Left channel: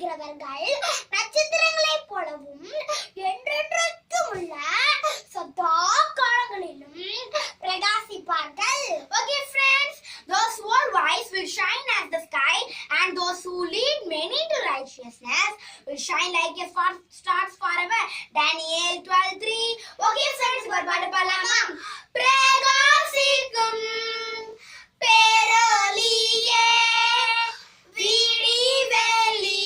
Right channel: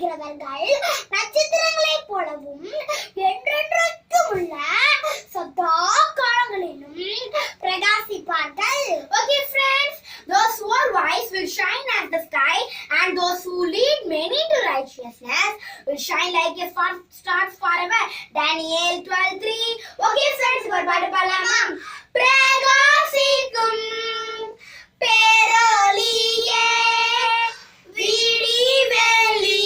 செல்கிறவர்கள் நட்சத்திரங்களைப் போலவும் என்றென்றைக்கும் உள்ள சதா காலங்களிலும் பிரகாசிப்பார்கள். Okay friends, those who are wise will shine as the sky, and those who lead many to righteousness will shine like a stars forever. Daniel 12:3. Okay friends, ஒரு பாட்டு பாடலாமா? பிரகாசிக்கும் பேரொளியே விடிவெளி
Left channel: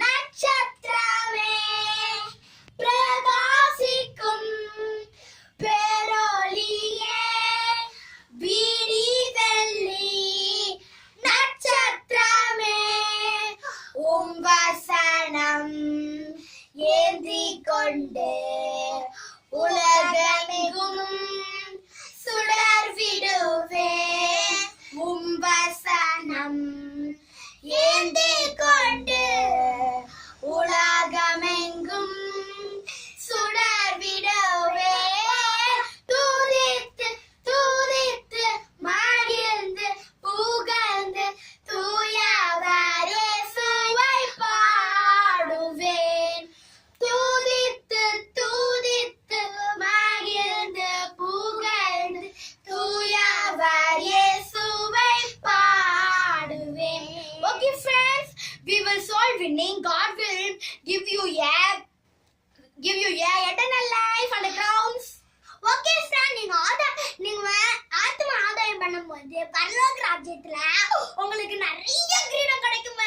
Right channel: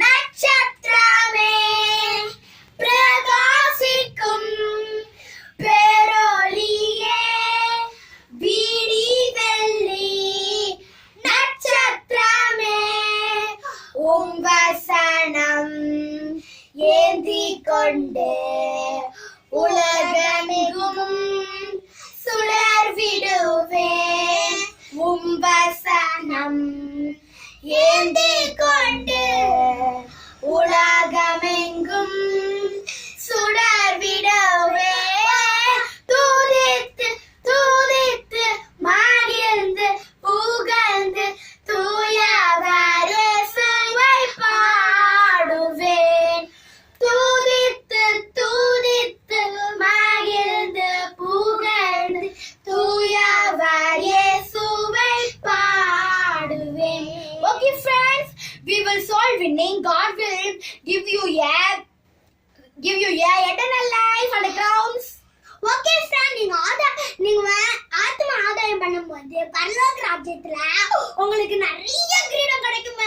நட்சத்திரமே, பிரகாசிக்கும் பேரொளியே விடிவெளி நட்சத்திரமே, உம் வசனம் ஏந்திக் கொண்டு உலகமெங்கும் சுடர் விடுவேன். உம் வசனம் ஏந்திக் கொண்டு உலகமெங்கும் சுடர் விடுவேன். துதித்து துதித்து மகிழ்ந்து புகழ்ந்து தூயவர் இயேசுவை பாடுவேன். துதித்து துதித்து மகிழ்ந்து புகழ்ந்து தூயவர் இயேசுவை பாடுவேன். Okay friends, we will solve winning. God will give you eternal life and crowns. Okay friend, நீங்க ஆத்ம ஆதாயம் பண்ணும்போது பரலோக ராஜ்யத்துல உங்களுக்கு நிறைய கிரீடம் கிடைக்கும்.